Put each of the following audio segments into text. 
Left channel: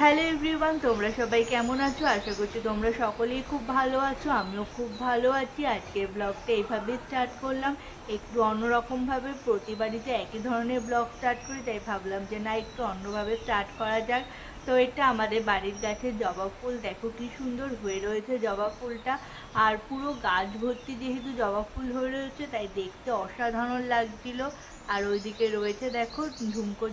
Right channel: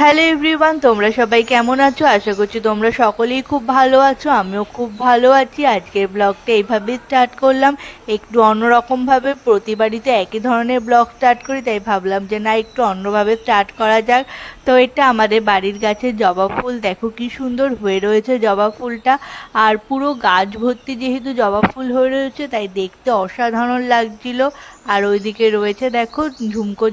Hello everyone, তোমরা সবাই কেমন আছো? আশা করছি তোমরা সকলেই খুব ভালো আছো। আমিও খুব ভালো আছি। আজকের ব্লগটা এইভাবেই স্টার্ট করলাম, একটু অন্যরকমভাবে। প্রতিবারই তো একই ধরনের ব্লগ স্টার্ট করি, তাই ভাবলাম যে না, একটু অন্যভাবে স্টার্ট করা যাক। তো এটা আমাদের বাড়ির গাছের জবা ফুল, দেখো কি সুন্দর হয়ে রয়েছে জবা ফুলটা। আর পুরো গাছ ভর্তি যেহেতু জবা ফুল হয়ে রয়েছে, তাই দেখতে অসাধারণ লাগছিল। আর ওইদিকে রয়েছে দেখো ঝুমকো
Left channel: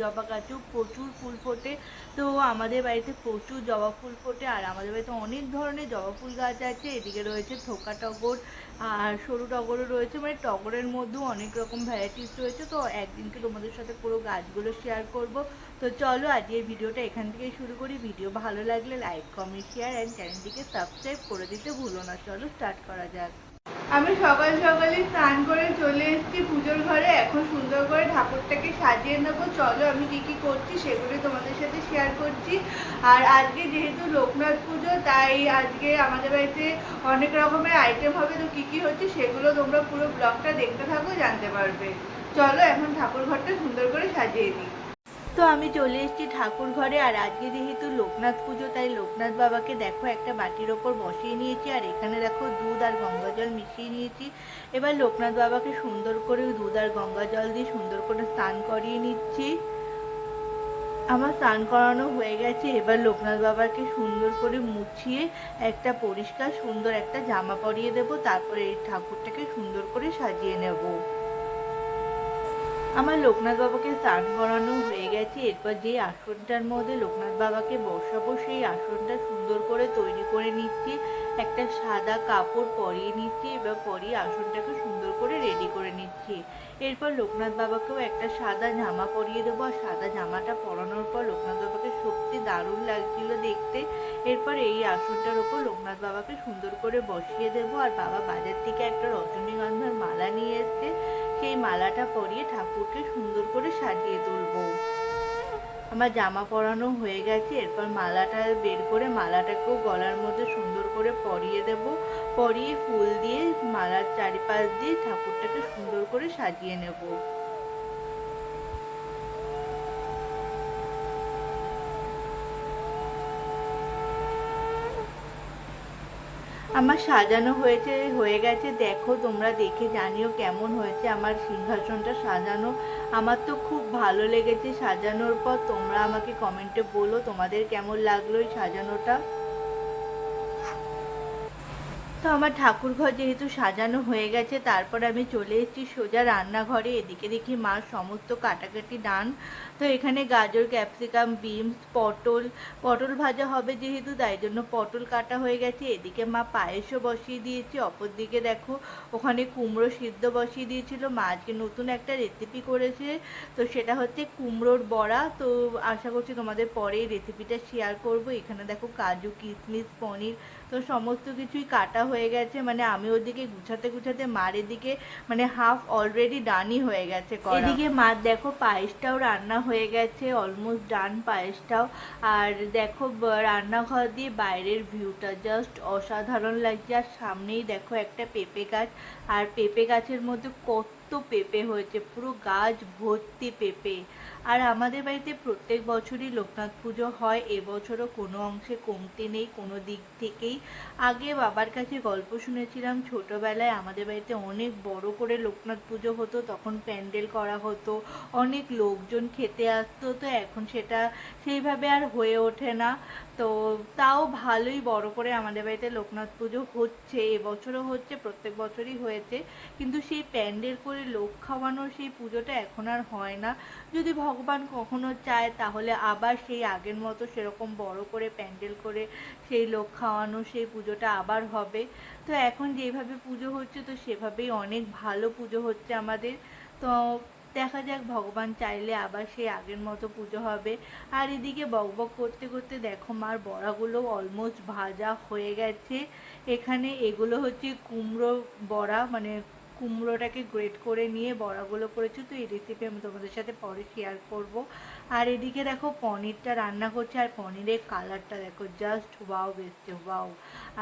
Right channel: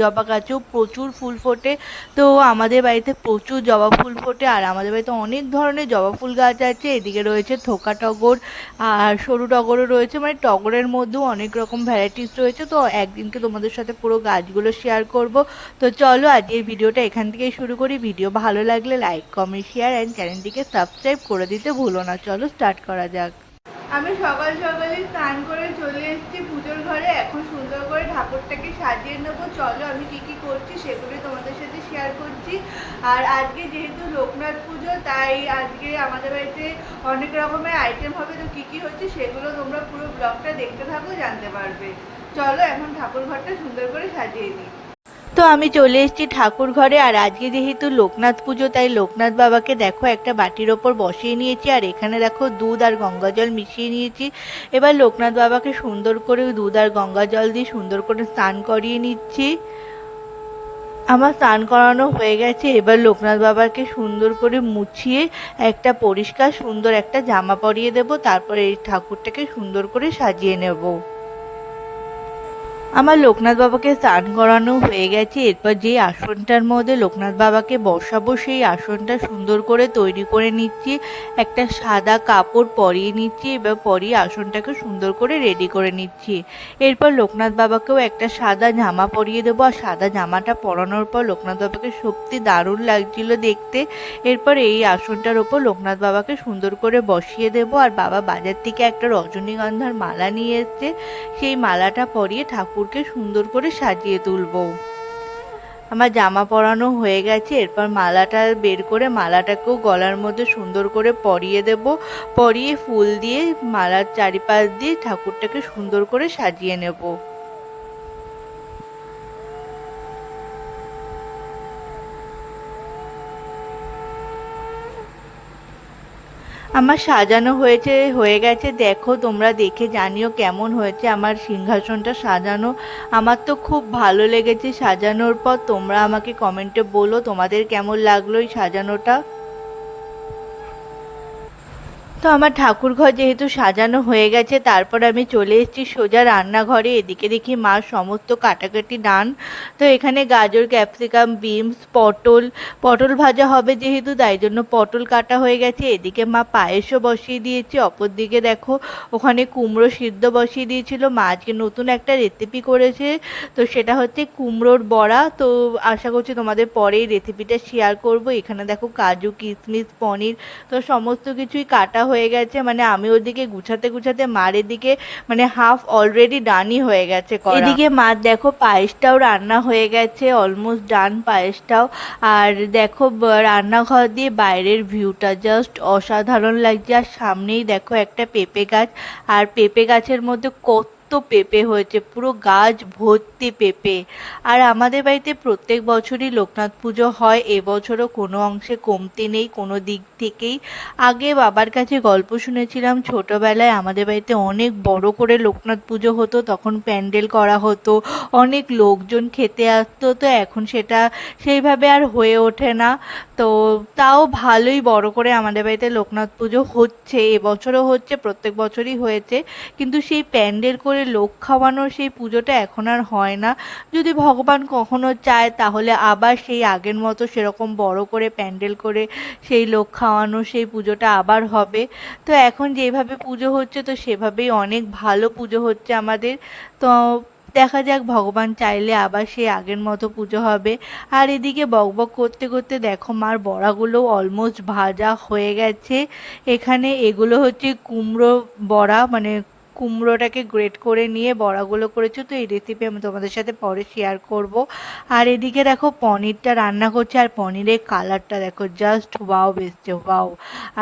জবা গাছেও প্রচুর ফুল ফোটে। তো আমাদের বাড়িতে প্রচুর জবা ফুল ফোটে, আর আমাদের বাড়িতে অনেক ধরনের জবা ফুল গাছ আছে। এদিকে রয়েছে থোকা টগর, আর সরু টগরও রয়েছে, মানে টগরের মধ্যেও অনেক রকম ভ্যারাইটিস রয়েছে। তো একদিনকে তোমাদের সাথে পুরো গাছগুলো শেয়ার করব। তো চলো আজকের ভিডিওটা এখান থেকেই শুরু করি। ভিডিও ভালো লাগলে লাইক, কমেন্ট, শেয়ার অ্যান্ড চ্যানেলটিকে সাবস্ক্রাইব করে দিতে ভুলো না। চলো স্টার্ট করা যাক। আমি সকাল সকালে স্নান করে চলে এসেছি পুজোর ঘরে। এখন সুন্দর করে ঠাকুরটাকে সাজিয়ে নেবো। চলো আমি কি কি করছি সেগুলি তোমাদের সাথে শেয়ার করছি। আর আজকে যেহেতু লোকনাথ পুজো, তাই আজকে আমাদের বাড়িতে অনেক রকমের আইটেম হবে। তো কি কি হচ্ছে সেগুলো তোমরা পুরো ব্লগটা দেখতে থাকো, জানতে পারবে। চলো এখন ঠাকুর ঘরটা সুন্দর করে সাজিয়ে দিই। তো আমি চলে এসেছি ঠাকুর ঘরে। আর আজকে যেহেতু লোকনাথ পুজো, তাই লোকনাথ বাবাকে দেখো একটা বাটির ওপর বসিয়ে নিয়েছি। আর এখানে দেখো দুধ আর গঙ্গা জল মিশিয়ে নিয়েছি। এবার লোকনাথ বাবাকে সুন্দর করে দুধ আর গঙ্গা জল দিয়ে সুন্দর করে স্নান করিয়ে নিচ্ছি। আমার স্নান করানো হয়ে গেছে। এবার লোকনাথ বাবাকে সুন্দর করে মুছিয়ে একটা পরিষ্কার সুন্দর একটা জামা পরিয়ে দেব। তারপরে এই ঠাকুরটাকে সুন্দর করে সাজিয়ে নেব। আমার লোকনাথ বাবাকে স্নান করানো হয়ে গেছে। এরপর যে আসনটার মধ্যে লোকনাথ বাবাকে বসাবো, সেই আসনটা সুন্দর করে তৈরি করে নিচ্ছি। একটা সাদা কাপড় পরিয়ে নিচ্ছি, এবার পরিয়ে আসনটাকে সুন্দর করে রেডি করে নিচ্ছি। এরপর লোকনাথ বাবাকেও একটা সাদা জামা পরিয়ে দেবো। আর সাদা জামাটা পরানোর পর লোকনাথ বাবাকে সত্যি দারুণ লাগছিল দেখতে। এরপর এই আসনটার ওপর লোকনাথ বাবাকে সুন্দর করে বসিয়ে দেবো। আর বাবা বাজার থেকে একটা রজনীগন্ধার মালা নিয়ে এসছে, সেই মালাটা পরিয়ে ঠাকুরকে সুন্দর করে সাজিয়ে তুলবো। আমার জামা পরানো হয়ে গেছে। এরপর মালাটা বের করে মালাটাকেও গলার মধ্যে সুন্দর করে পরিয়ে দেব। পরিয়ে ফুল দিয়ে মালার চারিপাশ দিয়ে ঠাকুরটাকে সুন্দর করে সাজিয়ে নেব। আমার সাজানো হয়ে গেছে। দেখো তোমরা দেখে জানিও কেমন হয়েছে আমার সিংহাসনটা সাজানো। আমার তো খুব ভালো লেগেছে সাজানোর পর। তোমরা আমাকে কমেন্টে বলো তোমাদের কেমন লাগলো এই সাজানোটা। তো আমার ঠাকুর ঘর যেহেতু সাজানো হয়ে গেছে, তারপর আমি চলে এসেছি সোজা রান্নাঘরে। এদিকে দেখি মা সমস্ত কাটাকাটি ডান। তো এখানে গাজর, ক্যাপসিকাম, বিনস, পটল পটল ভাজা হবে যেহেতু, তাই জন্য পটল কাটা হয়ে গেছে। এদিকে মা পায়েসও বসিয়ে দিয়েছে। অপর দিকে দেখো ওখানে কুমড়ো সিদ্ধ বসিয়ে দিয়েছিল। মা আজকে নতুন একটা রেসিপি করেছে, তো সেটা হচ্ছে কুমড়োর বড়া। তো আশা করছি তোমাদের পরে এই রেসিপিটা শেয়ার করব। এখানে দেখো কাজু, কিশমিশ, পনির, তো সমস্ত কিছুই কাটা হয়ে গেছে। মানে আমি ওদিকে গুছাতে গুছাতে মার এদিকে মানে হাফ অলরেডি ডানই হয়ে গেছে করা। এদিকে মার দেখো পায়েসটাও রান্না হয়ে গেছে, অলমোস্ট ডান পায়েসটাও। আর দেখো রান্নাঘর দিয়ে বাইরের ভিউটা জাস্ট অসাধারণ লাগছে। আর সামনেই দেখো একটা পেঁপে গাছ, আর পেঁপে গাছের মধ্যে কত পেঁপে হয়েছে, পুরো গাছ ভর্তি পেঁপে। আর আমাদের বাড়িতে প্রত্যেক বছরই লোকনাথ পুজো হয়, এবছরও কোনো অংশে কমতি নেই কোনো দিক থেকেই। আগে বাবার কাছে গল্প শুনেছিলাম ছোটবেলায় আমাদের বাড়িতে অনেক বড় করে লোকনাথ পুজো হতো, তখন প্যান্ডেল করা হতো, অনেক লোকজন খেতে আসতো। তো এখন সেটা সেইভাবে আর হয়ে ওঠে না। তো তাও ভালোই বড় করে আমাদের বাড়িতে লোকনাথ পুজো হচ্ছে, এবছরও হচ্ছে, প্রত্যেক বছরই হয়েছে। কিন্তু সেই প্যান্ডেল করে লোক খাওয়ানোর সেই পুজোটা এখন আর হয় না। যদি ভগবান কখনো চায় তাহলে আবার সেই আগের মতো সেরকম বড় করে প্যান্ডেল করে সেই লোক খাওয়ানো সেই পুজোটা আবার হবে। তো এখন যেভাবে পুজো হচ্ছে, তো সেভাবেই অনেক ভালো পুজো হচ্ছে আমাদের। তো দেখা যাক, ভগবান চাইলে আবার সেই আগের মতো পুজো হবে। আর এদিকে বকবক করতে করতে দেখো মার বড়াগুলো অলমোস্ট ভাজা হয়ে গেছে। এখানে এগুলো হচ্ছে কুমড়ো বড়া, মানে কুমড়োটাকে গ্রেট করে নিয়ে বড়াগুলো করেছো। তো এই রেসিপি আমি তোমাদের সাথে পরে শেয়ার করব। আর এদিকে দেখো পনিরটা রান্না করছে, আর পনিরের কালারটা দেখো জাস্ট ওয়াও এসছে, ওয়াও।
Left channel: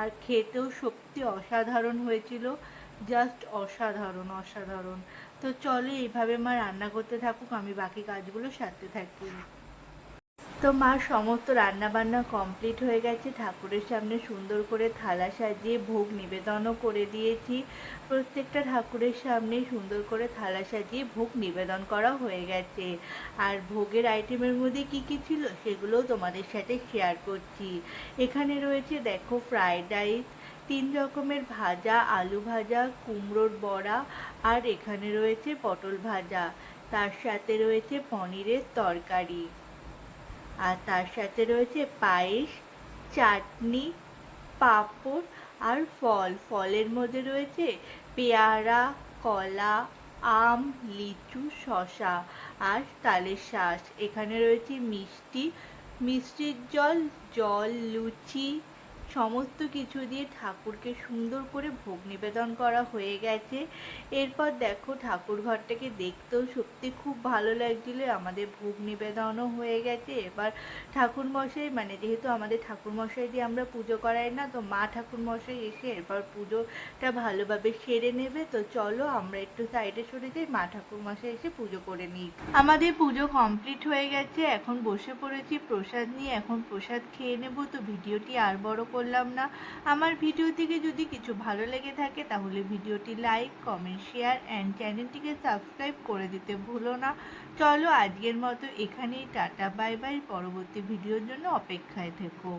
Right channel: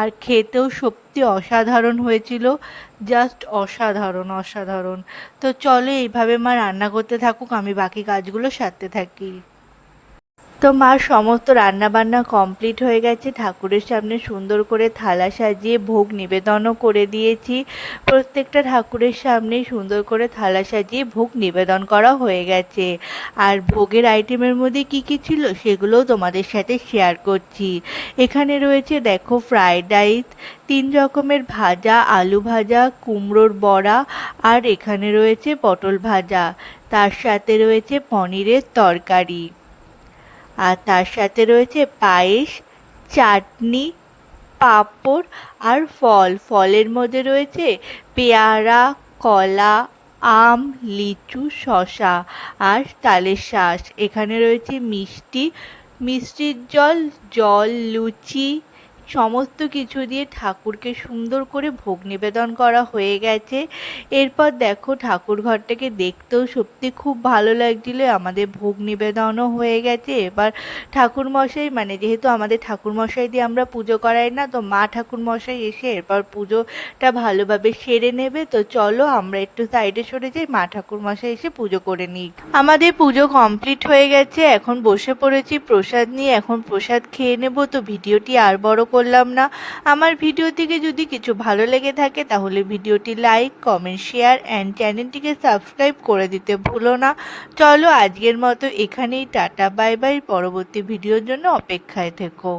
আর খেতেও সত্যি অসাধারণ হয়েছিল, জাস্ট অসাধারণ অসাধারণ। তো চলো এইভাবে মা রান্না করতে থাকুক, আমি বাকি কাজগুলো সারতে থাকি। তো মা সমস্ত রান্নাবান্না কমপ্লিট হয়ে গেছে, ঠাকুরের সামনে সুন্দর করে থালা সাজিয়ে ভোগ নিবেদনও করে দিয়েছি। প্রত্যেকটা ঠাকুরের সামনেই সুন্দর করে থালা সাজিয়ে ভোগ নিবেদন করা হয়ে গেছে। আর ভোগের আইটেমের মধ্যে কি কি ছিল সেগুলোও তোমাদের সাথে শেয়ার করছি। এখানে রয়েছে দেখো ফ্রায়েড রাইস, 3 রকমের ভাজা, আলু ভাজা, কুমড়োর বড়া, আর এখানে রয়েছে পটল ভাজা। তার সাথে রয়েছে পনিরের তরকারি, আর তার সাথে রয়েছে পায়েস, চাটনি, পাঁপড় আর ফল। ফলের মধ্যে রয়েছে পেয়ারা, কলা, আম, লিচু, শসা আর তালের শাঁস। এখানে রয়েছে মিষ্টি, মিষ্টির জল, জল, লুচি, সমস্ত কিছু দিয়ে ঠাকুরকে সুন্দর করে ভোগ নিবেদন করা হয়ে গেছে। এরপর দেখো ঠাকুর ঘরটাকে দেখতেও সত্যি খুব ভালো লাগছিল। আমাদের ভোগ নিবেদনও হয়ে গেছে। এবার ঠাকুরমশাই, মানে যেহেতু আমাদের ঠাকুরমশাই দিয়ে আমরা পুজো করাই না, তো মা ঠাকুরমশাই এসে এরপর পুজোটা ভালোভাবে সেরে নেবে। তো চলো আমরা একটু সাইডে সরে যাই, মা ঠাকুরমশাই এসে পুজো করে নিই। আমাদের পুজো কমপ্লিট হয়ে গেছে, এখন বসে পড়েছি প্রসাদ নিয়ে। এখন প্রসাদ খেয়ে নেব। তো ভিডিওটি আর বড় করলাম না। আমার ভিডিও থেকে যদি কিছু ভালো লেগে থাকে তাহলে ভিডিওটি লাইক, কমেন্ট, শেয়ার অ্যান্ড চ্যানেলটিকে সাবস্ক্রাইব করে দিতে ভুলো না। চলো আজকের মতো এখানেই টাটা, বাই বাই। পরবর্তী ভিডিওর জন্য অপেক্ষায় থেকো।